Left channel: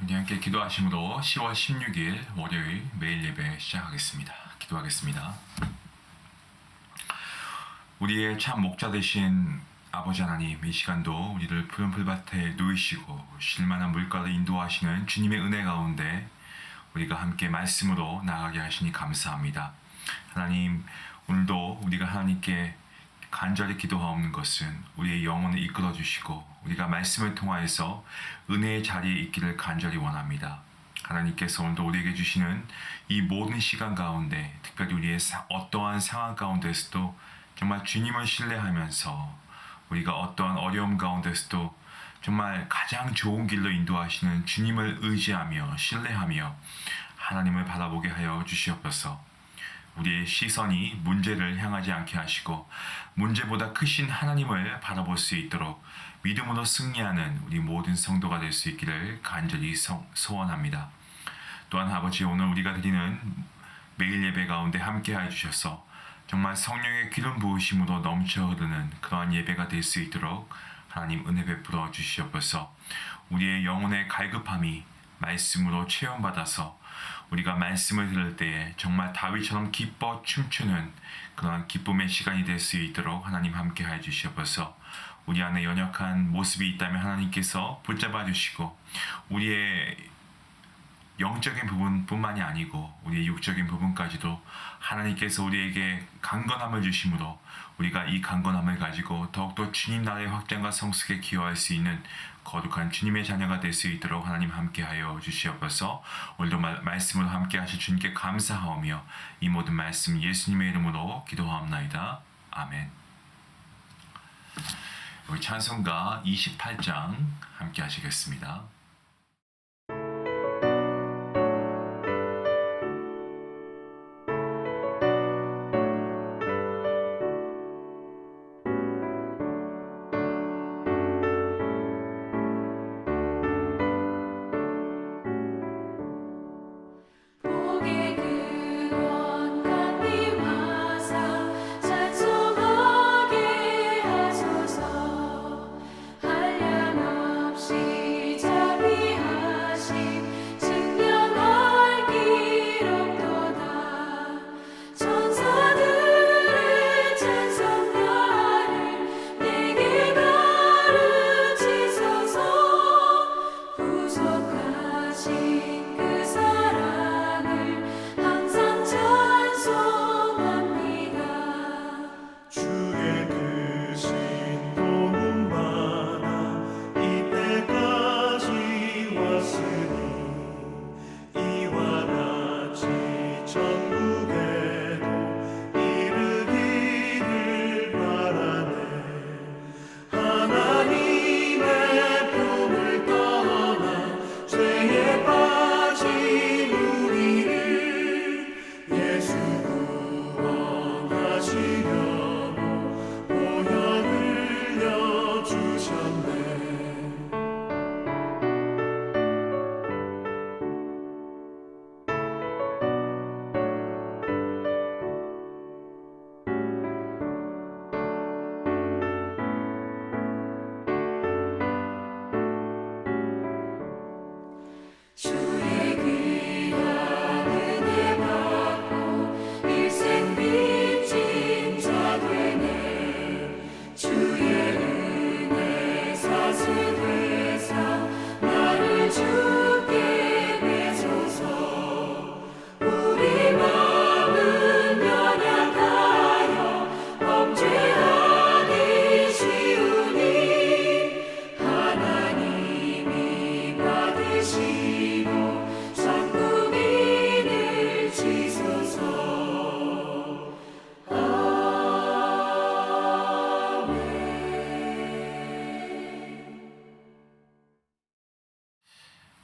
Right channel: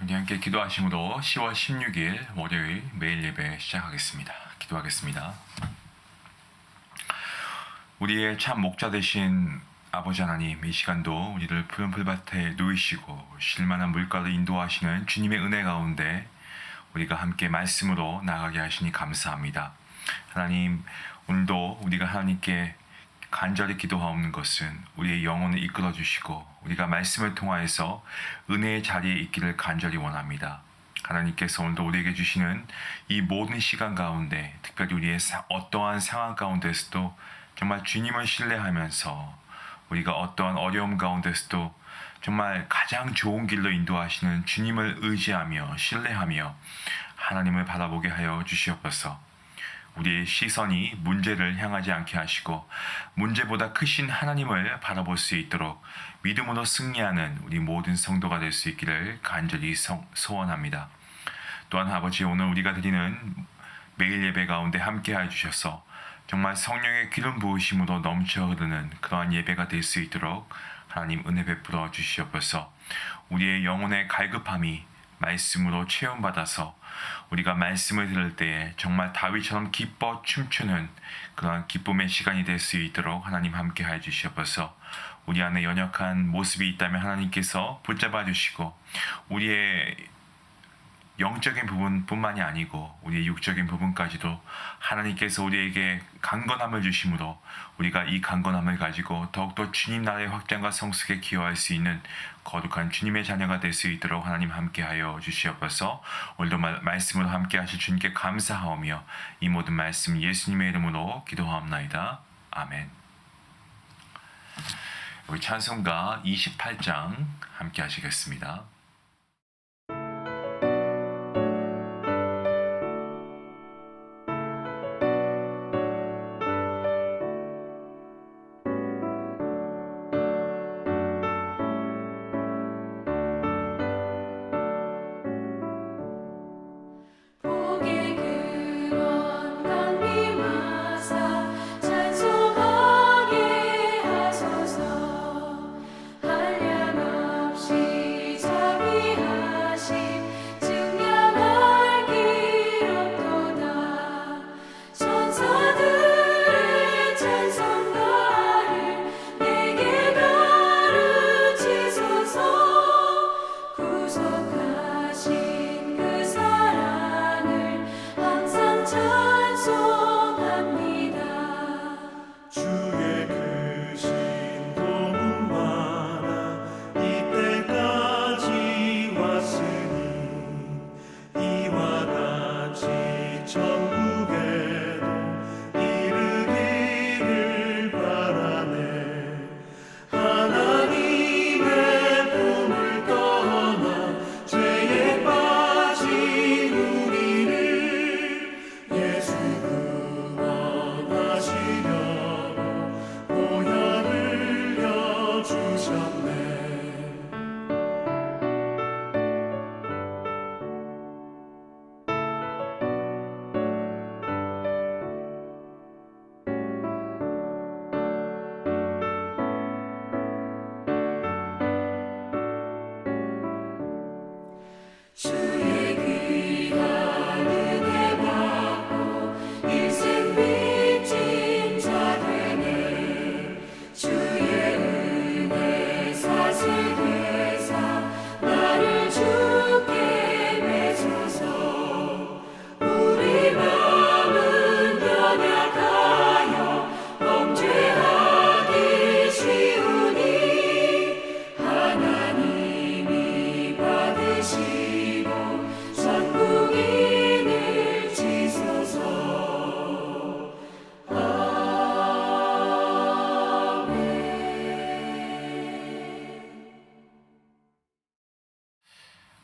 우리 함께 기도하심으로 10월 16일 월요일 매일 예배 시작하겠습니다. 기도하겠습니다. 우리의 참 목자 되신 아버지 하나님, 이 시간도 우리를 푸른 풀밭에 누이시고 쉴만한 물가를 인도하시는 주님의 은혜 가운데 우리가 함께 말씀으로 나아가게 하시니 감사합니다. 하나님, 오늘도 우리가 하나님께 간절히 기도하옵는 것은 우리의 영혼을 이끌어 주시고 우리가 말씀을 통하여서 은혜의 자리에 있기를 간절히 원합니다. 하나님께서 오늘도 우리에게 주시는 이 모든 시간 가운데, 특별히 우리의 어떠한 상황 가운데서도 정말 주님을 신뢰하면서 우리가 어떠한 어려움 가운데서도 정말 가장 좋은 길로 인도하시는 주님을 의지하며 신뢰하며 하나님을 바라보게 하여 주시옵소서. 우리의 시선이 문제를 향하지 않게 하시고 문제보다 크신 하나님을 바라볼 수 있도록 믿음으로 승리하는 우리 모든 성도가 될 수 있기를 간절히 소원합니다. 또한 아버지, 오늘 우리가 드리는 매일 예배 가운데 함께하여 주셔서 정말 성령의 기름 부으심으로 넘쳐 흐르는 그러한 예배가 될 수 있도록 하나님 은혜 베풀어 주시옵소서. 우리의 영혼의 갈급함이 말씀으로 체험받아서 우리가 말씀을 들을 때에 정말 다윗처럼 기뻐 춤추는 그러한 기쁨의 시간이 될 수 있도록 하나님 함께 하여 주시옵소서. 우리 안에 연약한 모습이 있다면 하나님께서 붙잡아 주시고 우리의 영적인 부분뿐만이 아니고 우리의 육적인 부분까지도 하나님께서 우리에게 강건함을 주심으로 우리가 이 강건함을 가지고 더욱더 주님 나라의 확장과 성숙에 기여할 수 있는 거룩한 주님의 자녀가 될 수 있도록 하나님 함께하여 주시옵소서. 오늘도 말씀으로 함께하실 주님께 감사하오며 이 모든 말씀 예수님의 이름으로 기도하옵나이다. 아멘. 우리 찬송가 28장 함께 하시겠습니다.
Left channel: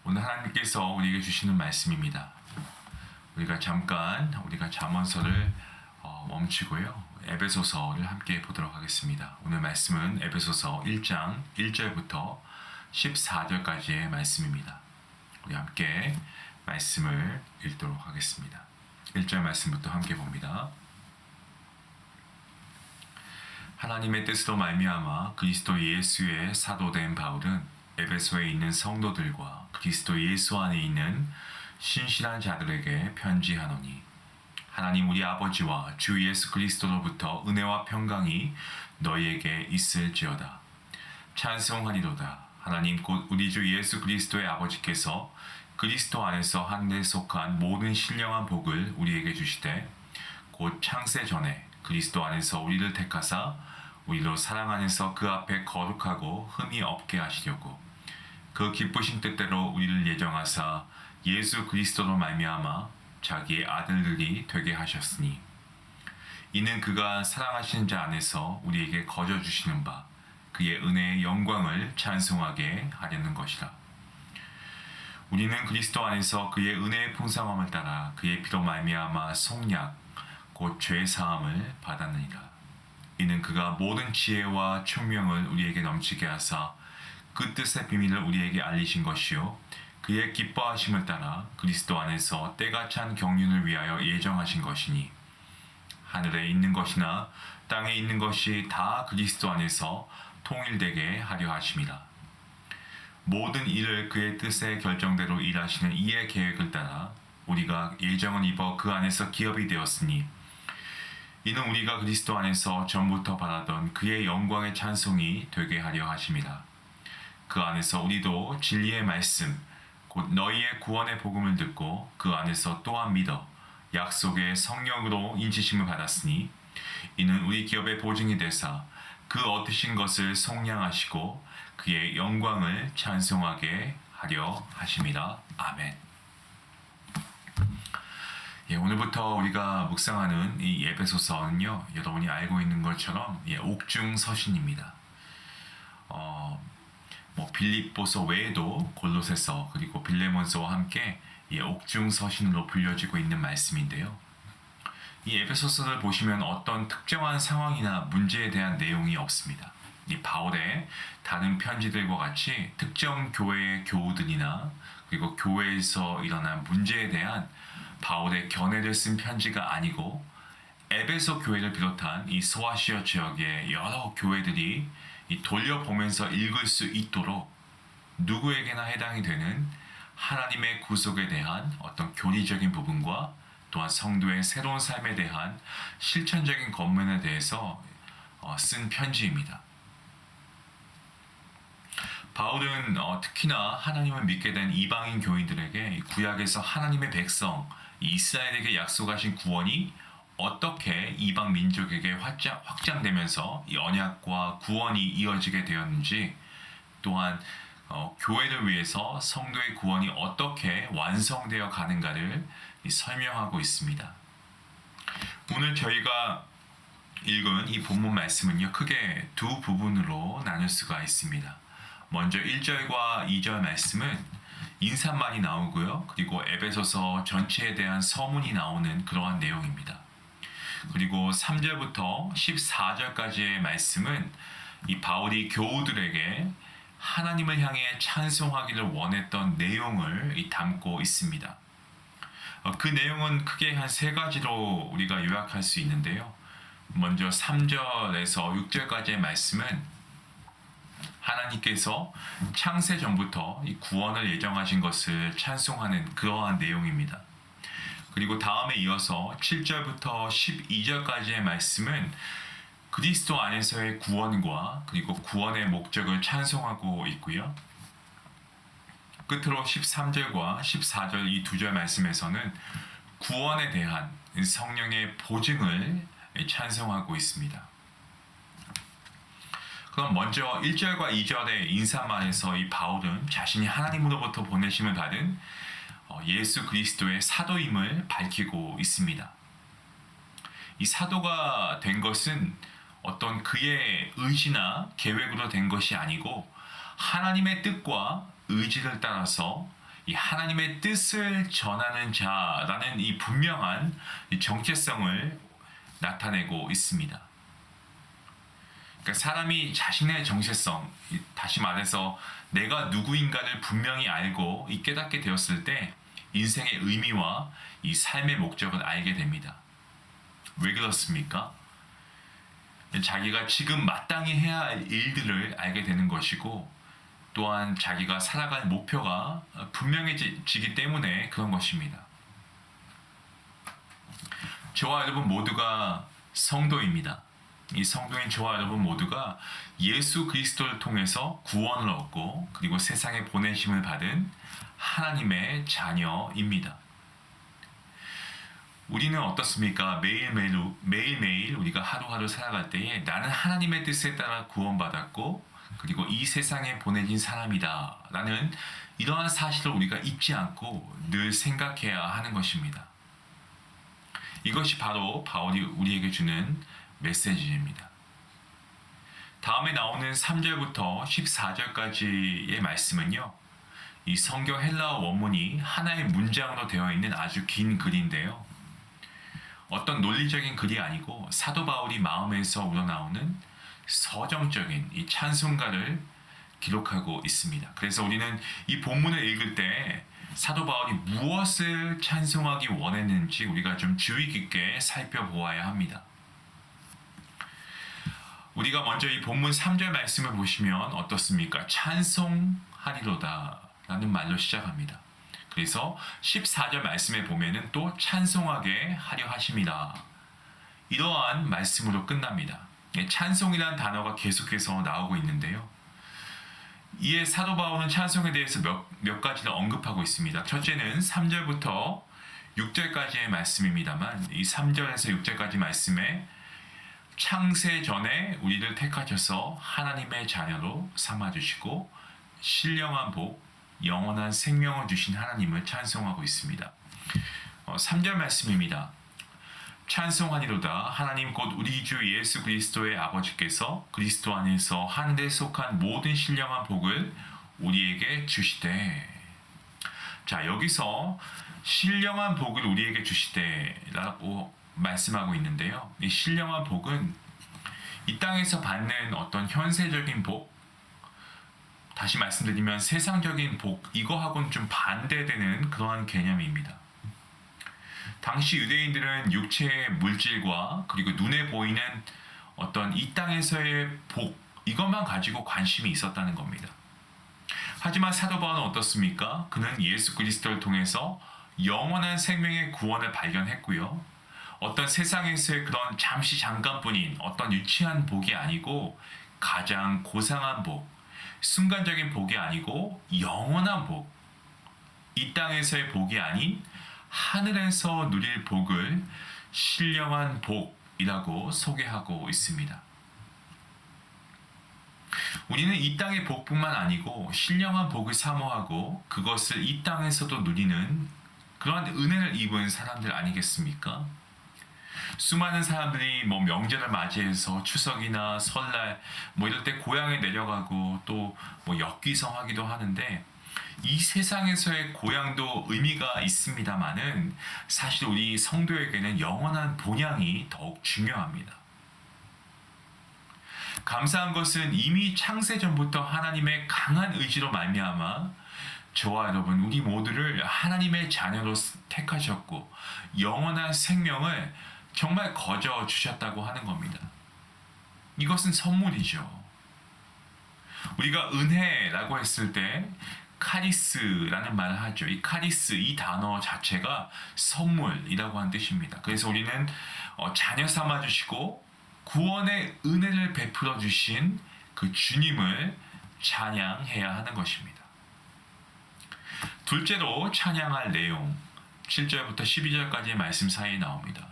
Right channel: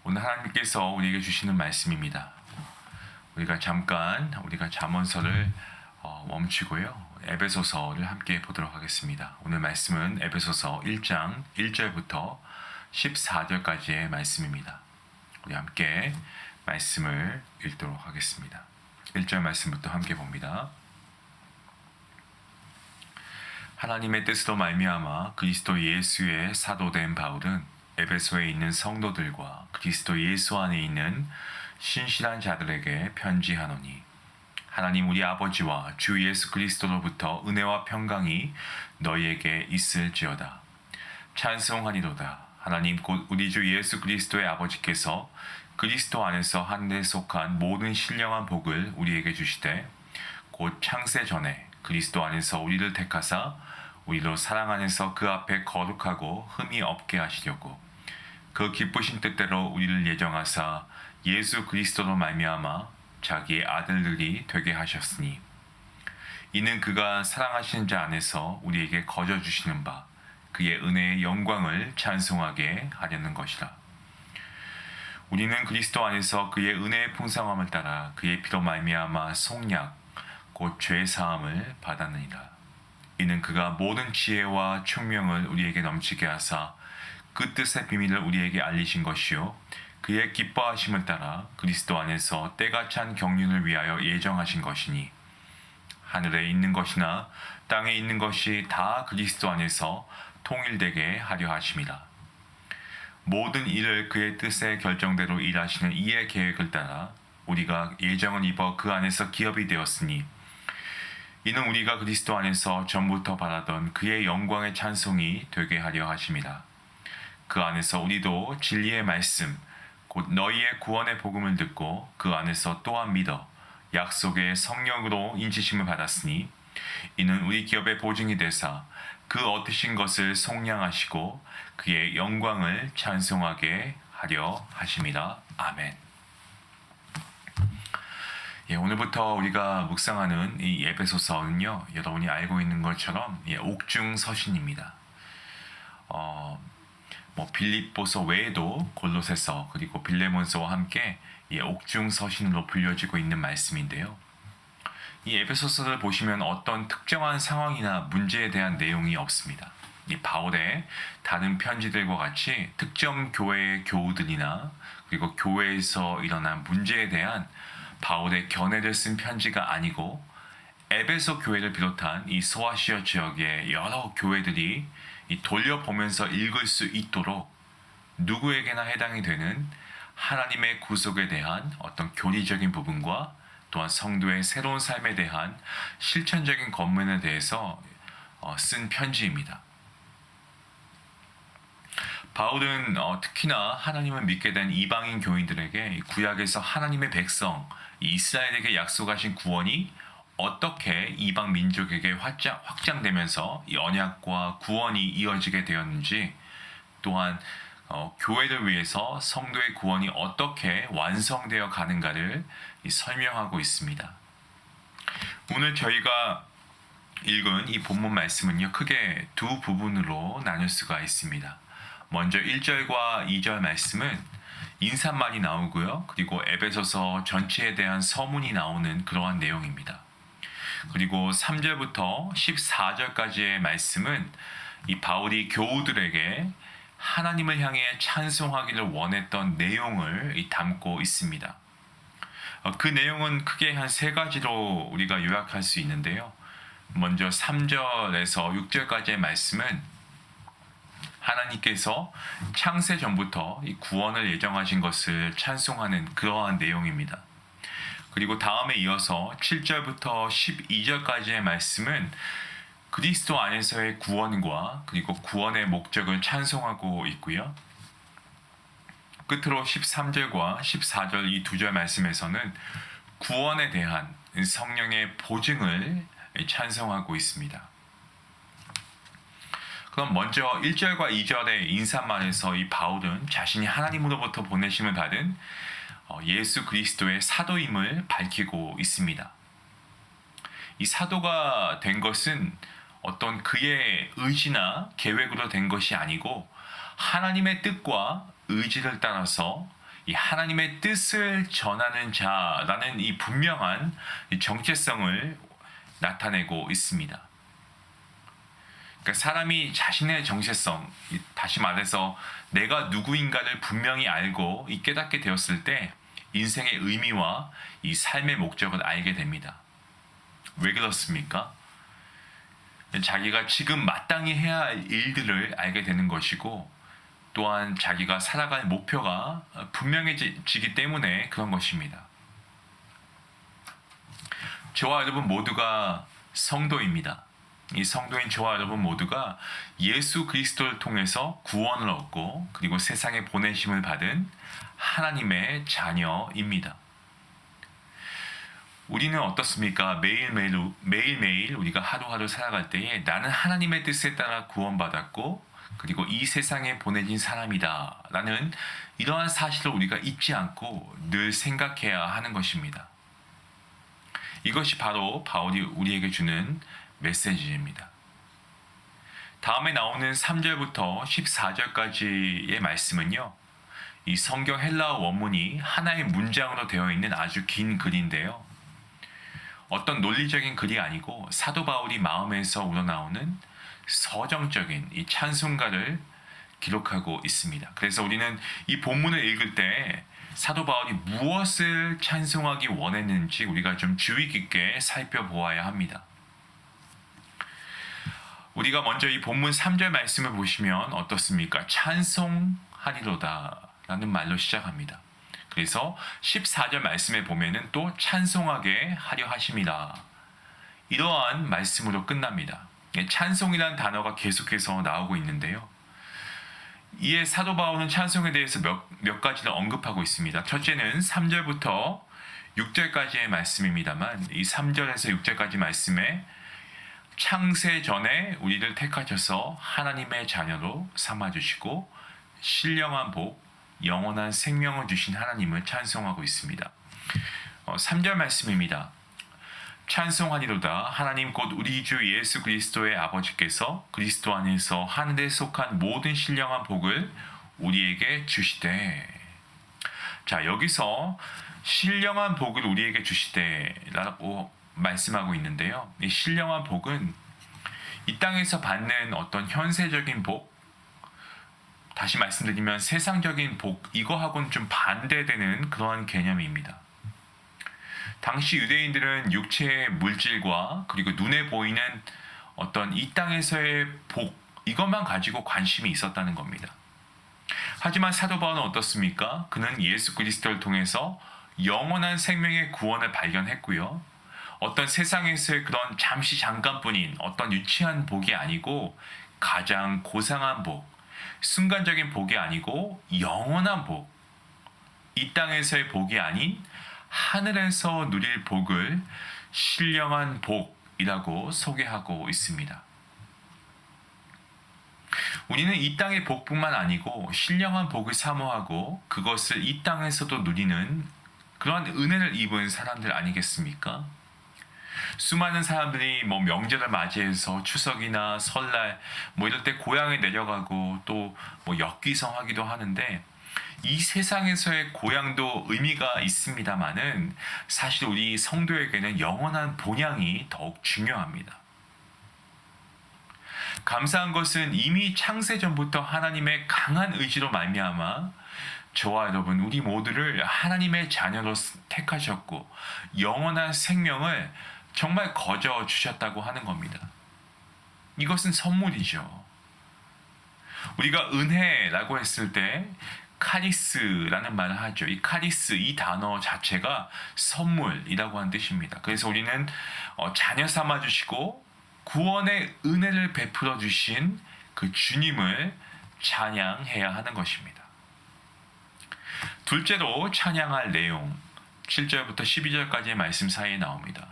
오늘 하나님께서 우리에게 주시는 말씀입니다. 우리가 잠깐 잠언서를 멈추고요. 에베소서를 함께 보도록 하겠습니다. 오늘 말씀은 에베소서 1장 1절부터 14절까지의 말씀입니다. 우리 함께 말씀을 읽도록 하겠습니다. 1절 말씀부터 함께 봅니다. 하나님의 뜻으로 말미암아 그리스도 예수의 사도된 바울은 에베소에 있는 성도들과 그리스도 예수 안에 있는 신실한 자들에게 편지하노니 하나님 우리 아버지와 주 예수 그리스도로부터 은혜와 평강이 너희에게 있을지어다. 찬송하니로다. 하나님 곧 우리 주 예수 그리스도의 아버지께서 그리스도 안에서 한데 속한 모든 신령한 복을 우리에게 주시되 곧 창세 전에 그리스도 안에서 우리를 택하사 우리로 사랑 안에서 그 앞에 거룩하고 흠이 없게 하시려고 그 기쁘신 뜻대로 우리를 예정하사 예수 그리스도로 말미암아 자기의 아들들이 되게 하셨으니 이는 그가 사랑하시는 자 안에서 우리에게 거저 주시는 바 그의 은혜의 영광을 찬송하게 하려는 것이라. 우리는 그리스도 안에서 그의 은혜의 풍성함을 따라 그의 피로 말미암아 속량 곧 죄 사함을 받았느니라. 이는 그가 모든 지혜와 총명을 우리에게 넘치게 하사 그 뜻의 비밀을 우리에게 알리신 것이요 그의 기뻐하심을 따라 그리스도 안에서 때가 찬 경륜을 위하여 예정하신 것이니 하늘에 있는 것이나 땅에 있는 것이 다 그리스도 안에서 통일되게 하려 하심이라. 모든 일을 그의 뜻의 결정대로 일하시는 이의 계획을 따라 우리가 예정을 입어 그 안에서 기업이 되었으니 이는 우리가 그리스도 안에서 전부터 바라던 그의 영광의 찬송이 되게 하려 하심이라. 그 안에서 우리도 진리의 말씀 곧 너희의 구원의 복음을 듣고 그 안에서 또한 믿어 약속의 성령으로 인치심을 받았으니 이는 우리 기업의 보증이 되사 그 얻으신 것을 속량하시고 그의 영광을 찬송하게 하려 하심이라. 아멘. 오늘부터 우리가 묵상하는 이 에베소서는요, 여러분이 알고 있는 것처럼 옥중 서신입니다. 빌립보서 외에도 골로새서 그리고 빌레몬서와 함께 옥중 서신으로 불려지고 있는 말씀인데요. 이 에베소서를 보시면 어떤 특정한 상황이나 문제에 대한 내용이 없습니다. 이 바울의 다른 편지들과 같이 특정 교회의 교우들이나 그리고 교회에서 일어난 문제에 대한 바울의 견해를 쓴 편지가 아니고 에베소 교회를 비롯한 이 소아시아 지역의 여러 교회들이 돌려보면서 읽을 수 있도록 누구에게나 해당이 되는 하나님의 구속에 대한 어떤 교리적인 부분과 또한 성도의 새로운 삶에 대한 실천적인 권면에 대해서 쓴 편지입니다. 바울은 특히나 하나님을 믿게 된 이방인 교인들에게 구약에서 하나님의 백성 이스라엘에게 약속하신 구원이 어떻게 이방 민족에게 확장되면서 이 언약과 구원이 이어지게 되었는지, 또한 교회를 위해서 성도의 구원이 어떻게 완성되어 가는가를 설명하고 있습니다. 오늘 저희가 읽은 이 본문 말씀은요, 크게 두 부분으로 나눌 수가 있습니다. 먼저 1절과 2절 말씀은 인사말이 나오고요, 그리고 에베소서 전체에 대한 서문이 나오는 그러한 내용입니다. 그리고 3절부터 14절까지의 말씀은 이 바울이 교우들에게 하나님을 향해 찬송하기를 원했던 내용을 담고 있습니다. 그 내용은 크게 한 세 가지로 우리가 요약할 수 있는데요. 먼저 3절에서 6절까지의 말씀은 하나님께서 창세 전부터 이 구원을 예정하신 것을 찬송하는 그러한 내용입니다. 그리고 다음에 이어서 7절부터 12절까지의 말씀은 그리스도 안에서의 구원과 그리고 구원의 목적을 찬송하고 있고요. 끝으로 13절과 14절 이 두 절 말씀에서는 구원에 대한 성령의 보증을 찬송하고 있습니다. 그럼 먼저 1절과 2절의 인사말에서 이 바울은 자신이 하나님으로부터 보내심을 받은 예수 그리스도의 사도임을 밝히고 있습니다. 이 사도가 된 것은 어떤 그의 의지나 계획으로 된 것이 아니고 하나님의 뜻과 의지를 따라서 이 하나님의 뜻을 전하는 자라는 이 분명한 정체성을 나타내고 있습니다. 그러니까 사람이 자신의 정체성, 다시 말해서 내가 누구인가를 분명히 알고 깨닫게 되었을 때 인생의 의미와 이 삶의 목적을 알게 됩니다. 왜 그렇습니까? 자기가 지금 마땅히 해야 할 일들을 알게 되는 것이고, 또한 자기가 살아갈 목표가 분명해지기 때문에 그런 것입니다. 저와 여러분 모두가 성도입니다. 이 성도인 저와 여러분 모두가 예수 그리스도를 통해서 구원을 얻고 그리고 세상에 보내심을 받은 하나님의 자녀입니다. 우리는 어떻습니까? 매일매일 우리가 하루하루 살아갈 때에 나는 하나님의 뜻에 따라 구원받았고 그리고 이 세상에 보내진 사람이다 라는 이러한 사실을 우리가 잊지 않고 늘 생각해야 하는 것입니다. 이것이 바로 바울이 우리에게 주는 메시지입니다. 다음에 나오는 3절부터 14절까지의 말씀은요, 이 성경 헬라어 원문이 하나의 문장으로 되어 있는 아주 긴 글인데요. 어떤 논리적인 글이 아니고 사도 바울이 마음에서 우러나오는 서정적인 이 찬송가를 기록하고 있습니다. 그래서 우리는 이 본문을 읽을 때 사도 바울이 무엇을 찬송하기 원했는지 우리가 좀 주의 깊게 살펴보아야 합니다. 우리가 먼저 이 본문 3절 말씀을 보시면 어떻습니까? 찬송하리로다 라는 말로 시작합니다. 그래서 14절 말씀에 보면은 또 찬송하게 하려 하심이다. 이러한 말씀으로 끝납니다. 찬송이라는 단어가 계속해서 나오고 있는데요. 이에 사도 바울은 찬송에 대해서 몇 가지를 언급하고 있습니다. 첫째는 3절부터 6절까지의 말씀입니다만 이 3절에서 6절까지 말씀에 창세 전에 우리를 택하셔서 하나님의 자녀로 삼아주시고 신령한 복, 영원한 생명을 주신 하나님을 찬송하고 있습니다. 3절 말씀입니다. 찬송하리로다 하나님 곧 우리 주 예수 그리스도의 아버지께서 그리스도 안에서 하늘에 속한 모든 신령한 복을 우리에게 주시되. 자, 여기서 신령한 복을 우리에게 주시되라고 말씀하고 있는데요. 이 신령한 복은 이 땅에서 받는 어떤 현세적인 복, 다시 말씀드리면 세상적인 복, 이거하고는 좀 반대되는 그러한 개념입니다. 당시 유대인들은 육체의 물질과 그리고 눈에 보이는 어떤 이 땅에서의 복, 이것만 가지고 관심이 있었다는 겁니다. 하지만 사도 바울은 어떻습니까? 그는 예수 그리스도를 통해서 영원한 생명의 구원을 발견했고요. 어떤 세상에서의 그런 잠깐뿐인 어떤 유치한 복이 아니고 가장 고상한 복, 순간적인 복이 아니고 영원한 복, 이 땅에서의 복이 아닌 하늘에서 누릴 복을 신령한 복이라고 소개하고 있습니다. 우리는 이 땅의 복뿐만 아니고 신령한 복을 사모하고 그것을 이 땅에서도 누리는 그러한 은혜를 입은 사람들 아니겠습니까? 수많은 사람들이 명절을 맞이해서 추석이나 설날 이럴 때 고향에 내려가고 또 엽기성하기도 하는데 이 세상에서의 고향도 의미가 있습니다만은 사실 우리 성도에게는 영원한 본향이 더욱 중요합니다. 감사한 것은 이미 창세 전부터 하나님의 강한 의지로 말미암아 저와 여러분 우리 모두를 하나님의 자녀로 택하셨고 영원한 생명을 정말 거저 주셨다고 하는 겁니다. 이것은 선물이죠. 우리가 은혜라고 했을 때 카리스라는 말을 하죠. 이 카리스, 이 단어 자체가 선물이라고 하는 뜻입니다. 그래서 우리는 자녀 삼아 주시고 구원의 은혜를 베풀어 주신 그 주님을 찬양해야 하는 것입니다. 둘째로 찬양할 내용 7절부터 12절까지의 말씀 사이에 나옵니다.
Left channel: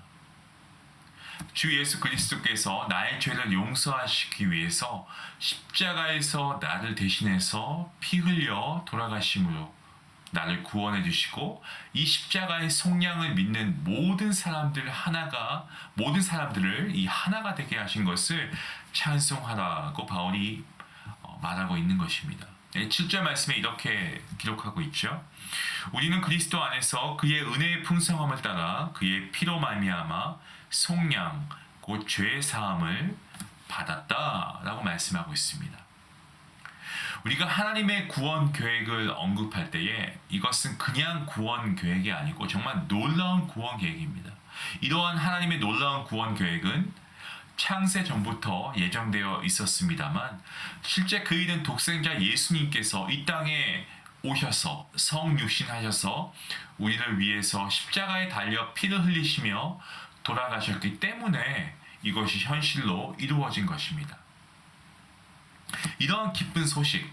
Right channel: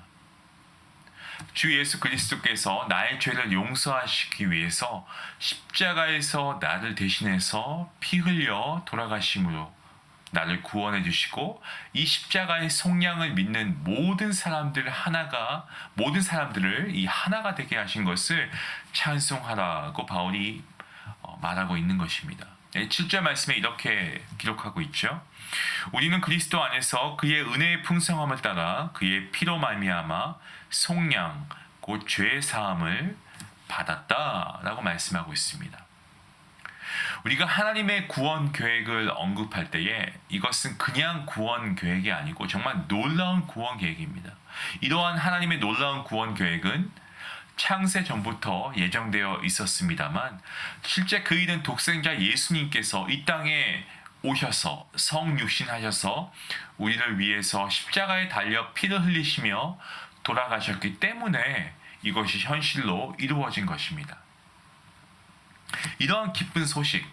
주 예수 그리스도께서 나의 죄를 용서하시기 위해서 십자가에서 나를 대신해서 피 흘려 돌아가심으로 나를 구원해 주시고 이 십자가의 속량을 믿는 모든 사람들을 이 하나가 되게 하신 것을 찬송하라고 바울이 말하고 있는 것입니다. 7절 말씀에 이렇게 기록하고 있죠. 우리는 그리스도 안에서 그의 은혜의 풍성함을 따라 그의 피로 말미암아 속량 곧 죄 사함을 받았다라고 말씀하고 있습니다. 우리가 하나님의 구원 계획을 언급할 때에 이것은 그냥 구원 계획이 아니고 정말 놀라운 구원 계획입니다. 이러한 하나님의 놀라운 구원 계획은 창세 전부터 예정되어 있었습니다만 실제 그 일은 독생자 예수님께서 이 땅에 오셔서 성육신하셔서 우리를 위해서 십자가에 달려 피를 흘리시며 돌아가셨기 때문에 이것이 현실로 이루어진 것입니다. 이러한 기쁜 소식,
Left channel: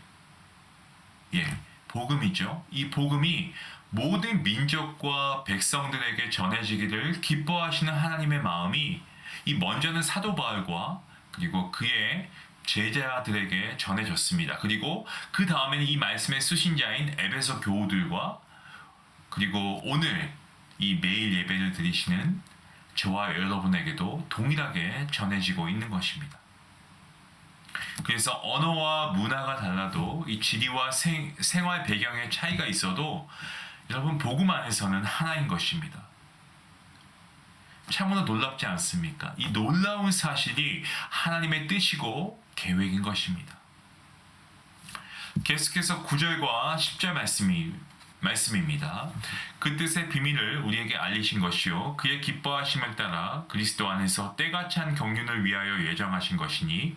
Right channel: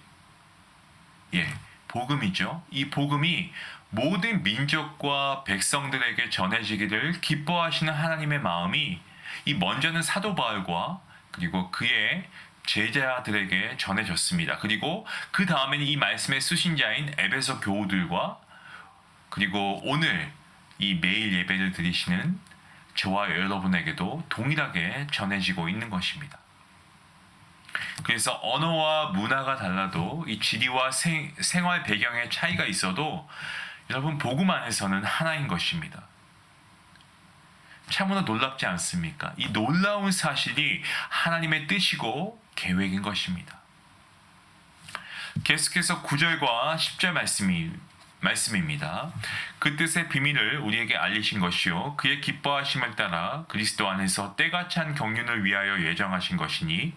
복음이죠. 이 복음이 모든 민족과 백성들에게 전해지기를 기뻐하시는 하나님의 마음이 이 먼저는 사도 바울과 그리고 그의 제자들에게 전해졌습니다. 그리고 그 다음에는 이 말씀의 수신자인 에베소 교우들과 그리고 오늘 이 매일 예배를 드리시는 저와 여러분에게도 동일하게 전해지고 있는 것입니다. 그래서 언어와 문화가 달라도 이 지리와 생활 배경의 차이가 있어도 여러분 복음 안에서는 하나인 것입니다. 참으로 놀랍지 않습니까? 이 놀라운 사실이 하나님의 뜻이고 계획인 것입니다. 계속해서 9절과 10절 말씀입니다. 그 뜻의 비밀을 우리에게 알리신 것이요 그의 기뻐하심을 따라 그리스도 안에서 때가 찬 경륜을 위하여 예정하신 것이니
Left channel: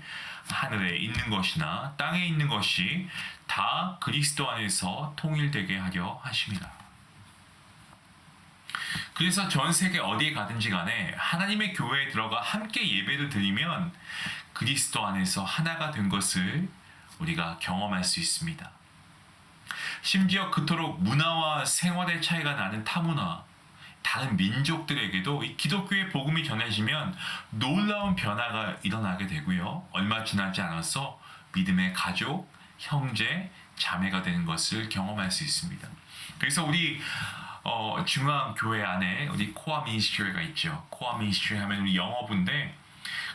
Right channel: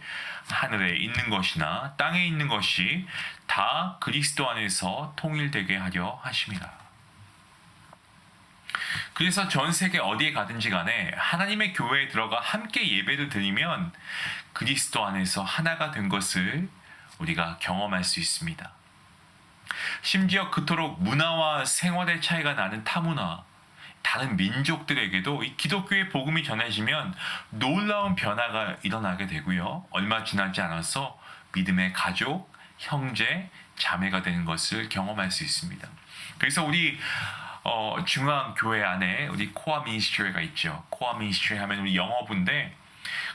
하늘에 있는 것이나 땅에 있는 것이 다 그리스도 안에서 통일되게 하려 하심이라. 그래서 전 세계 어디에 가든지 간에 하나님의 교회에 들어가 함께 예배를 드리면 그리스도 안에서 하나가 된 것을 우리가 경험할 수 있습니다. 심지어 그토록 문화와 생활의 차이가 나는 타문화, 다른 민족들에게도 이 기독교의 복음이 전해지면 놀라운 변화가 일어나게 되고요. 얼마 지나지 않아서 믿음의 가족, 형제, 자매가 되는 것을 경험할 수 있습니다. 그래서 우리 중앙교회 안에 우리 코아 미니스트리가 있죠. 코아 미니스트리 하면 우리 영어부인데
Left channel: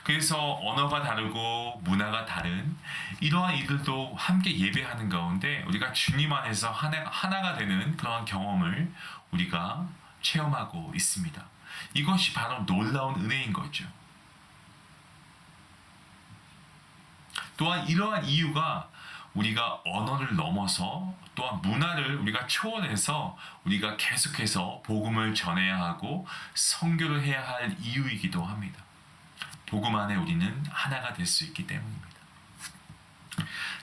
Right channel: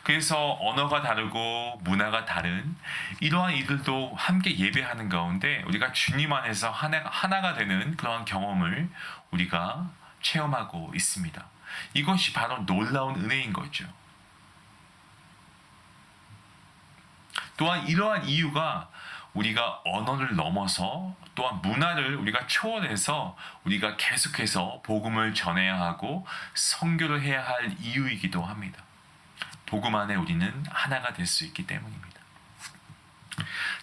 그래서 언어가 다르고 문화가 다른 이러한 이들도 함께 예배하는 가운데 우리가 주님 안에서 하나가 되는 그러한 경험을 우리가 체험하고 있습니다. 이것이 바로 놀라운 은혜인 거죠. 또한 이러한 이유가 우리가 언어를 넘어서 또한 문화를 우리가 초월해서 우리가 계속해서 복음을 전해야 하고 선교를 해야 할 이유이기도 합니다. 복음 안에 우리는 하나가 될 수 있기 때문입니다.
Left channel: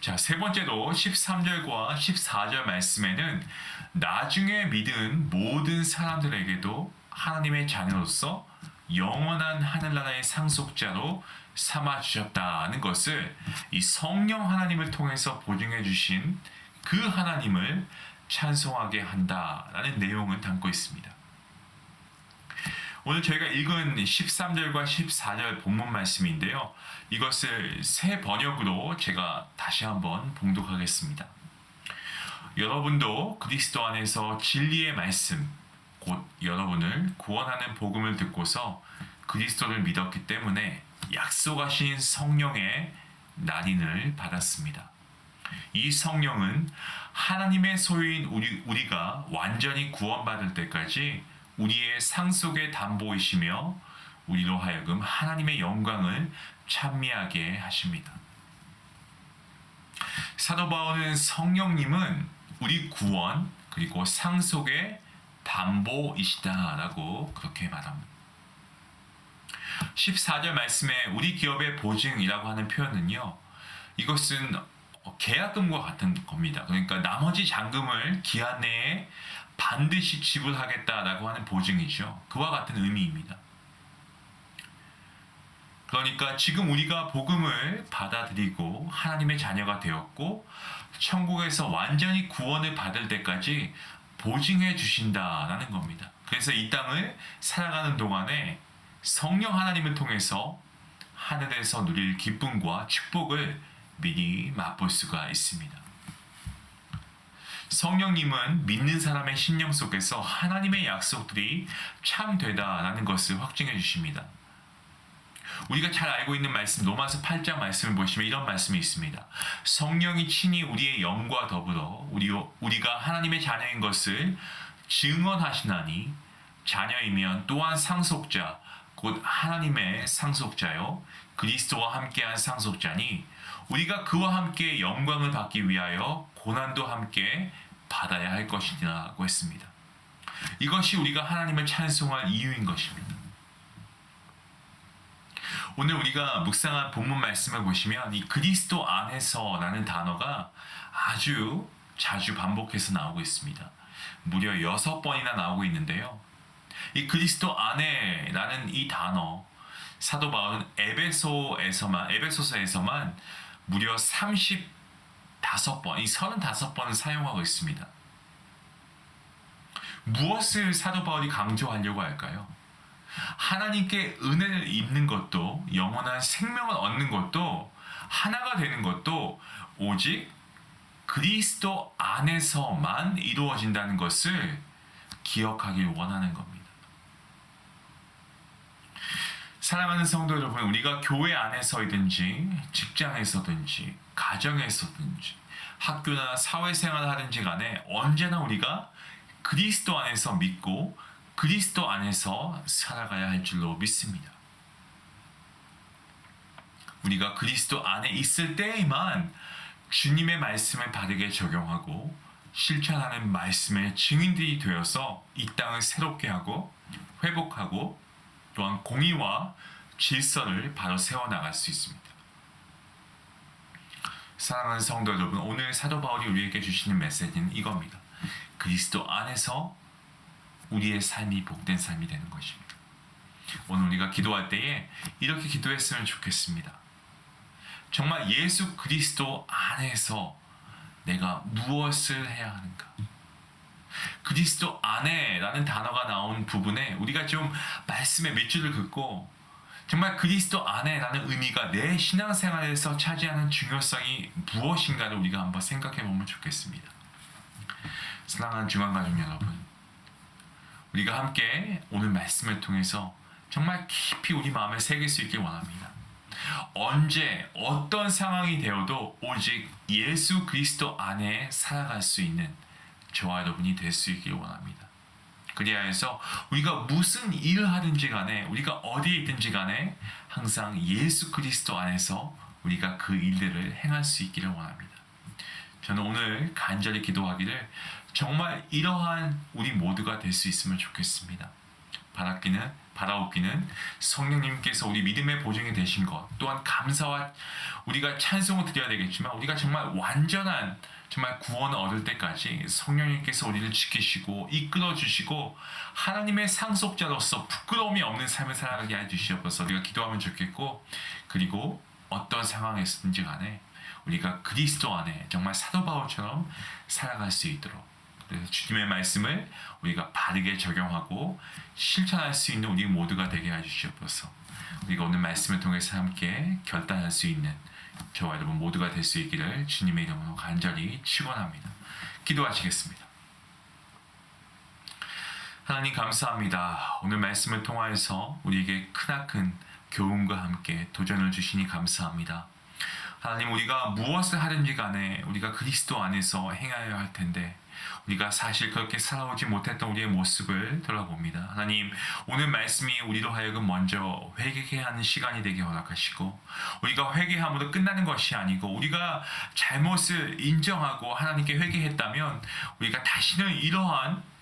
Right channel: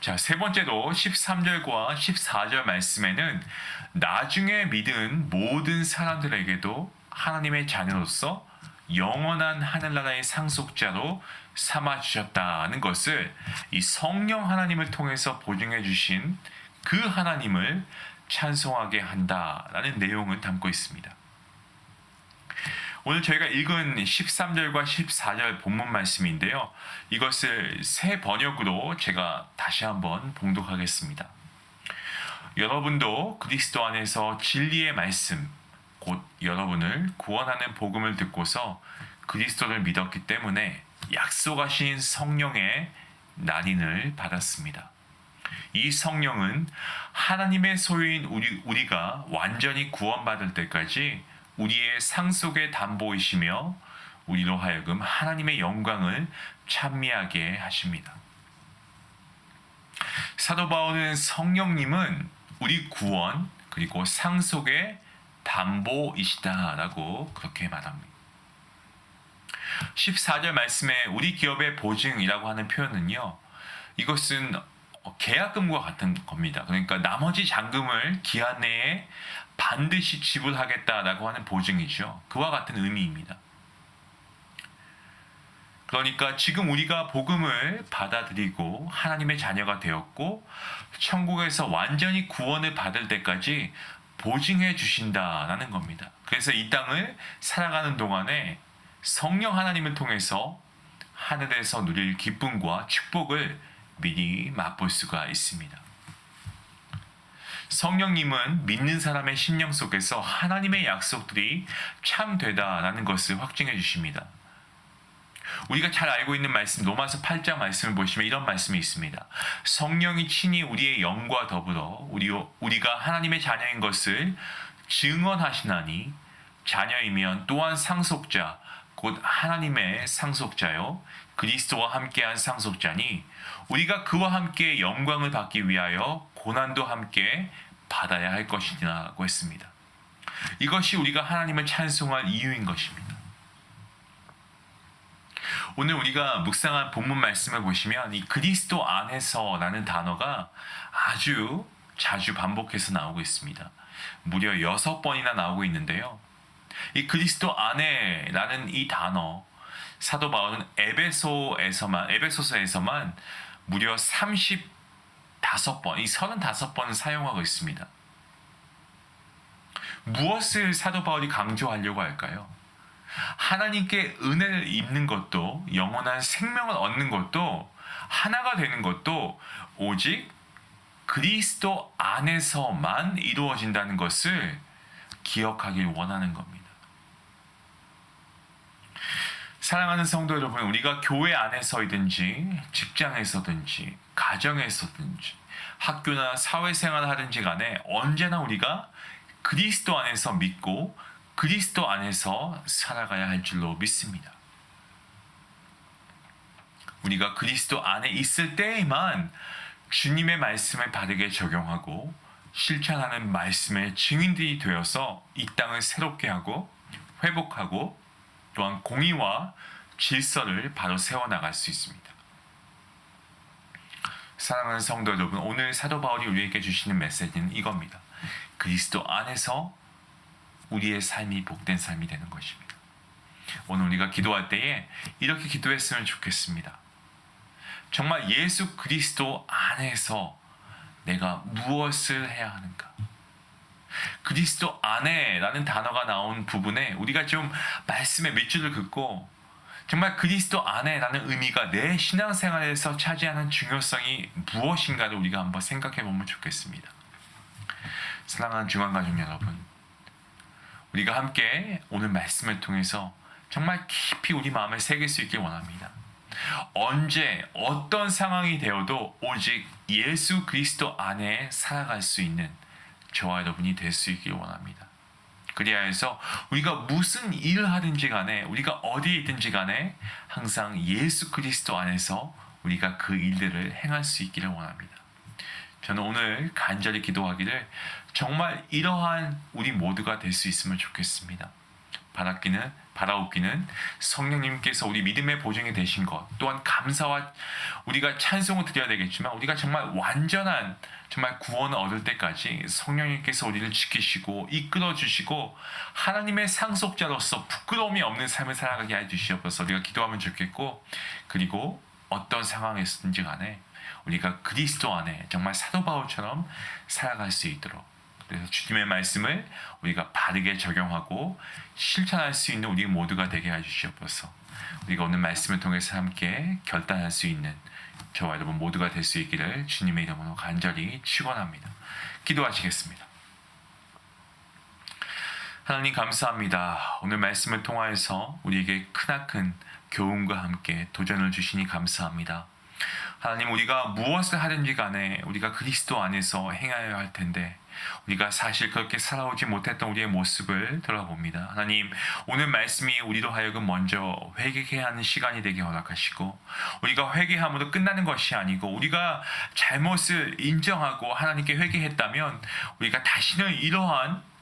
자, 세 번째로 13절과 14절 말씀에는 나중에 믿은 모든 사람들에게도 하나님의 자녀로서 영원한 하늘나라의 상속자로 삼아주셨다는 것을 이 성령 하나님을 통해서 보증해 주신 그 하나님을 찬송하게 한다라는 내용을 담고 있습니다. 오늘 저희가 읽은 13절과 14절 본문 말씀인데요. 이것을 새 번역으로 제가 다시 한번 봉독하겠습니다. 여러분도 그리스도 안에서 진리의 말씀, 곧 여러분을 구원하는 복음을 듣고서 그리스도를 믿었기 때문에 약속하신 성령의 난인을 받았습니다. 이 성령은 하나님의 소유인 우리가 완전히 구원받을 때까지 우리의 상속의 담보이시며 우리로 하여금 하나님의 영광을 찬미하게 하십니다. 사도 바울은 성령님은 우리 구원 그리고 상속의 담보이시다라고 그렇게 말합니다. 14절 말씀에 우리 기업의 보증이라고 하는 표현은요. 이것은 계약금과 같은 겁니다. 그러니까 나머지 잔금을 기한 내에 반드시 지불하겠다라고 하는 보증이죠. 그와 같은 의미입니다. 그러니까 지금 우리가 복음을 받아들이고 하나님의 자녀가 되었고 천국에서 완전히 구원을 받을 때까지 보증해 주신다라는 겁니다. 그래서 이 땅을 살아가는 동안에 성령 하나님을 통해서 하늘에서 누릴 기쁨과 축복을 미리 맛볼 수가 있습니다. 성령님은 믿는 사람의 심령 속에서 하나님의 약속들이 참되다라는 것을 확증해 주십니다. 우리가 잘 알고 있는 말씀 로마서 8장 말씀을 보시면 이런 말씀이 있습니다. 성령이 친히 우리의 영과 더불어 우리가 하나님의 자녀인 것을 증언하시나니 자녀이면 또한 상속자 곧 하나님의 상속자요 그리스도와 함께한 상속자니 우리가 그와 함께 영광을 받기 위하여 고난도 함께 받아야 할 것이라고 했습니다. 이것이 우리가 하나님을 찬송할 이유인 것입니다. 오늘 우리가 묵상한 본문 말씀을 보시면 이 그리스도 안에서라는 단어가 아주 자주 반복해서 나오고 있습니다. 무려 6번이나 나오고 있는데요. 이 그리스도 안에라는 이 단어, 사도 바울은 에베소서에서만 무려 35번, 이 35번을 사용하고 있습니다. 무엇을 사도 바울이 강조하려고 할까요? 하나님께 은혜를 입는 것도, 영원한 생명을 얻는 것도, 하나가 되는 것도 오직 그리스도 안에서만 이루어진다는 것을 기억하길 원하는 겁니다. 사랑하는 성도 여러분, 우리가 교회 안에서이든지 직장에서든지 가정에서든지 학교나 사회생활을 하든지 간에 언제나 우리가 그리스도 안에서 믿고 그리스도 안에서 살아가야 할 줄로 믿습니다. 우리가 그리스도 안에 있을 때에만 주님의 말씀을 바르게 적용하고 실천하는 말씀의 증인들이 되어서 이 땅을 새롭게 하고 회복하고 또한 공의와 질서를 바로 세워나갈 수 있습니다. 사랑하는 성도 여러분, 오늘 사도 바울이 우리에게 주시는 메시지는 이겁니다. 그리스도 안에서 우리의 삶이 복된 삶이 되는 것입니다. 오늘 우리가 기도할 때에 이렇게 기도했으면 좋겠습니다. 정말 예수 그리스도 안에서 내가 무엇을 해야 하는가? 그리스도 안에라는 단어가 나온 부분에 우리가 좀 말씀의 몇 줄을 긋고 정말 그리스도 안에라는 의미가 내 신앙생활에서 차지하는 중요성이 무엇인가를 우리가 한번 생각해 보면 좋겠습니다. 사랑하는 중앙가족 여러분, 우리가 함께 오늘 말씀을 통해서 정말 깊이 우리 마음에 새길 수 있길 원합니다. 언제 어떤 상황이 되어도 오직 예수 그리스도 안에 살아갈 수 있는 저와 여러분이 될 수 있길 원합니다. 그래야 해서 우리가 무슨 일을 하든지 간에 우리가 어디에 있든지 간에 항상 예수 그리스도 안에서 우리가 그 일들을 행할 수 있기를 원합니다. 저는 오늘 간절히 기도하기를 정말 이러한 우리 모두가 될 수 있으면 좋겠습니다. 바라옵기는 성령님께서 우리 믿음의 보증이 되신 것 또한 감사와 우리가 찬송을 드려야 되겠지만 우리가 정말 완전한 정말 구원을 얻을 때까지 성령님께서 우리를 지키시고 이끌어 주시고 하나님의 상속자로서 부끄러움이 없는 삶을 살아가게 해주시옵소서. 우리가 기도하면 좋겠고, 그리고 어떤 상황에서든지 간에 우리가 그리스도 안에 정말 사도 바울처럼 살아갈 수 있도록, 그래서 주님의 말씀을 우리가 바르게 적용하고 실천할 수 있는 우리 모두가 되게 해주시옵소서. 우리가 오늘 말씀을 통해서 함께 결단할 수 있는 저와 여러분 모두가 될 수 있기를 주님의 이름으로 간절히 축원합니다. 기도하시겠습니다. 하나님 감사합니다. 오늘 말씀을 통하여서 우리에게 크나큰 교훈과 함께 도전을 주시니 감사합니다. 하나님, 우리가 무엇을 하든지 간에 우리가 그리스도 안에서 행하여야 할 텐데 우리가 사실 그렇게 살아오지 못했던 우리의 모습을 돌아봅니다. 하나님, 오늘 말씀이 우리로 하여금 먼저 회개해야 하는 시간이 되게 허락하시고, 우리가 회개함으로 끝나는 것이 아니고 우리가 잘못을 인정하고 하나님께 회개했다면 우리가 다시는 이러한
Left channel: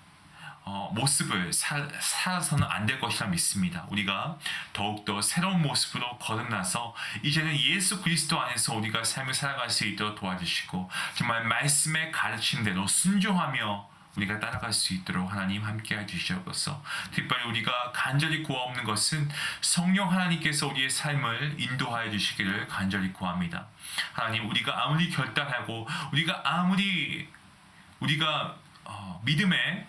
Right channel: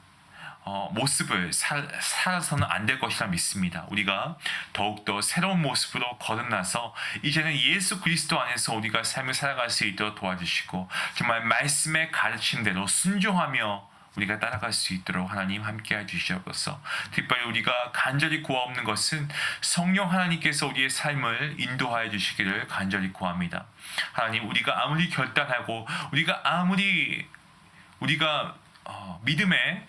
모습을 살아서는 안 될 것이라 믿습니다. 우리가 더욱더 새로운 모습으로 거듭나서 이제는 예수 그리스도 안에서 우리가 삶을 살아갈 수 있도록 도와주시고 정말 말씀의 가르침대로 순종하며 우리가 따라갈 수 있도록 하나님 함께해 주시옵소서. 특별히 우리가 간절히 구하옵는 것은 성령 하나님께서 우리의 삶을 인도하여 주시기를 간절히 구합니다. 하나님, 우리가 아무리 결단하고 우리가 믿음에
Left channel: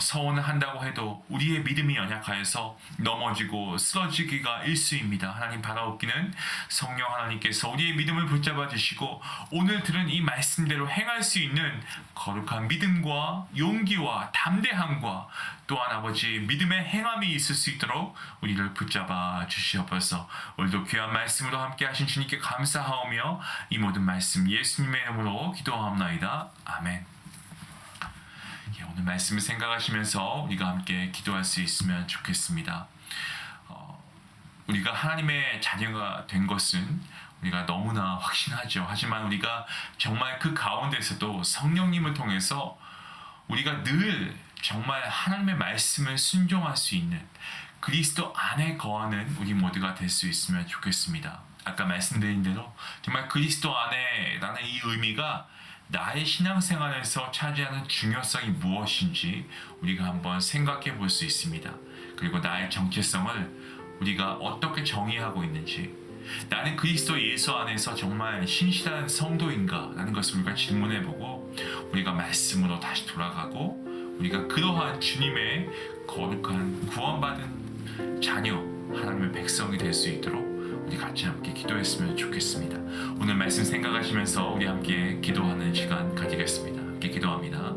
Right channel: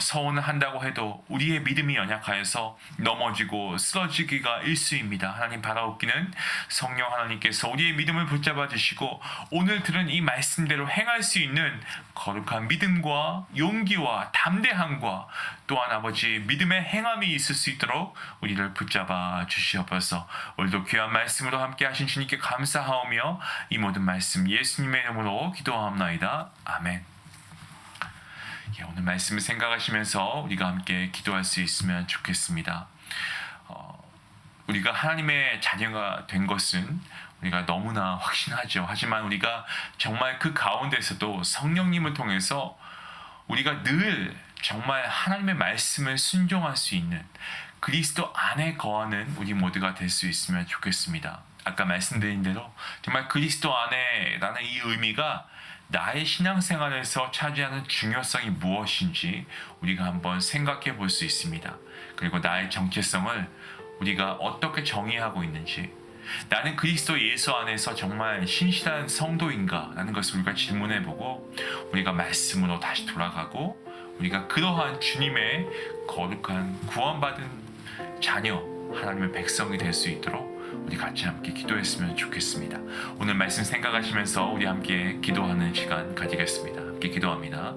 서원을 한다고 해도 우리의 믿음이 연약하여서 넘어지고 쓰러지기가 일쑤입니다. 하나님, 바라옵기는 성령 하나님께서 우리의 믿음을 붙잡아 주시고 오늘 들은 이 말씀대로 행할 수 있는 거룩한 믿음과 용기와 담대함과 또한 아버지 믿음의 행함이 있을 수 있도록 우리를 붙잡아 주시옵소서. 오늘도 귀한 말씀으로 함께 하신 주님께 감사하오며 이 모든 말씀 예수님의 이름으로 기도하옵나이다. 아멘. 오늘 말씀을 생각하시면서 우리가 함께 기도할 수 있으면 좋겠습니다. 우리가 하나님의 자녀가 된 것은 우리가 너무나 확신하죠. 하지만 우리가 정말 그 가운데서도 성령님을 통해서 우리가 늘 정말 하나님의 말씀을 순종할 수 있는 그리스도 안에 거하는 우리 모두가 될 수 있으면 좋겠습니다. 아까 말씀드린 대로 정말 그리스도 안에라는 이 의미가 나의 신앙생활에서 차지하는 중요성이 무엇인지 우리가 한번 생각해 볼 수 있습니다. 그리고 나의 정체성을 우리가 어떻게 정의하고 있는지, 나는 그리스도 예수 안에서 정말 신실한 성도인가? 라는 것을 우리가 질문해보고 우리가 말씀으로 다시 돌아가고 우리가 그러한 주님의 거룩한 구원받은 자녀, 하나님의 백성이 될 수 있도록 우리 같이 함께 기도했으면 좋겠습니다. 오늘 말씀 생각하시면서 우리 함께 기도하는 시간 가지겠습니다. 함께 기도합니다.